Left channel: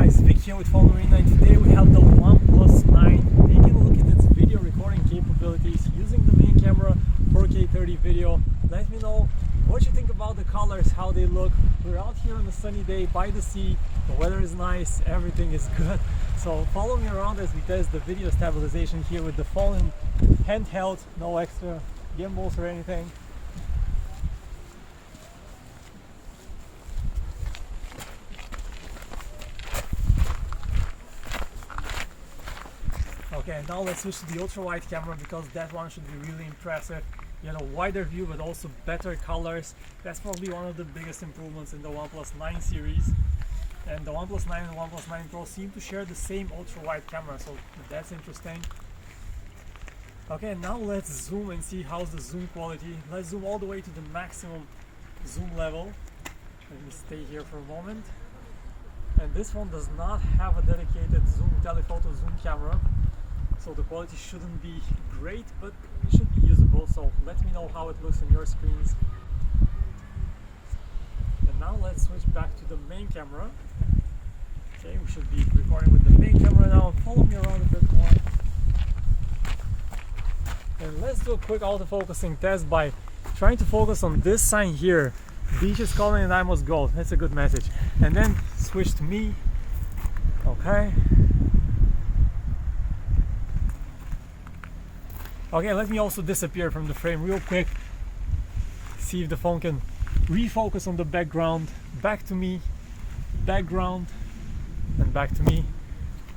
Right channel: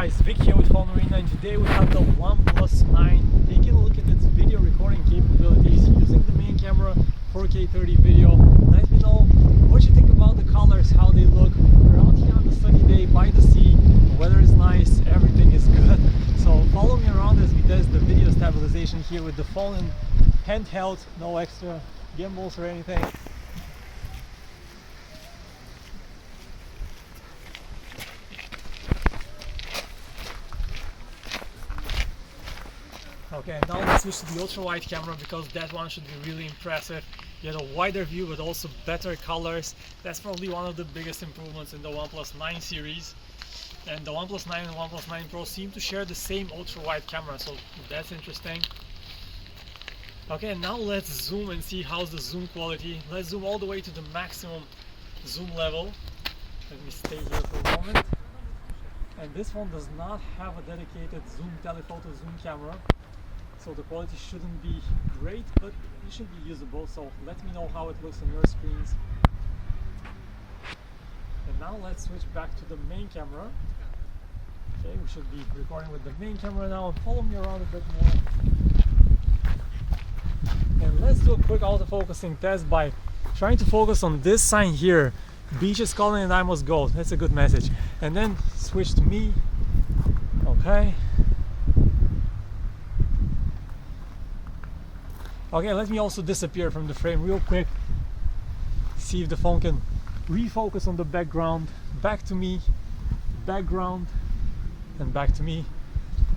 guys, Vic here with PhoneArena, and today we have the OnePlus 9 taking a look at its video recording capabilities using the main camera, 4K 30 video. Let me know what you think about the colors, how they look. We're out here on a sunny day by the sea, the weather is nice, everything is good. So follow me around as we test the video stabilization here with the phone in handheld, no extra gimbals or anything. Okay, now let's switch to the ultra-wide camera because that one should be really impressive. You get a wider view but also better colors. That's probably one of the biggest improvements in the OnePlus 9 series. And the OnePlus 9 and OnePlus 9 Pro seem to share the same ultra-wide camera, so that's interesting. Okay, now let's zoom and see how's the zoom quality. Let's zoom all the way to the maximum zoom level. Let me stay here for a moment. And this one does not have a dedicated zoom telephoto zoom camera, so the quality shouldn't be great, but it should be usable. So let me know how it looks on your screens. And now let's switch back to the main camera. Okay, we should be recording with the main camera now. Follow me around a bit more. And let's do a quick autofocusing test by trying to focus on this sign here. Beach is calling and I must go. That's a good message. And then switch to me. Okay. Okay, let me also disappear from the frame real quick. See if the phone can refocus on the background. Back to me, background, and back to me.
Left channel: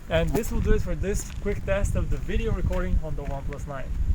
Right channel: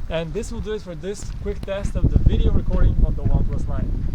And this will do it for this quick test of the video recording on the OnePlus 9.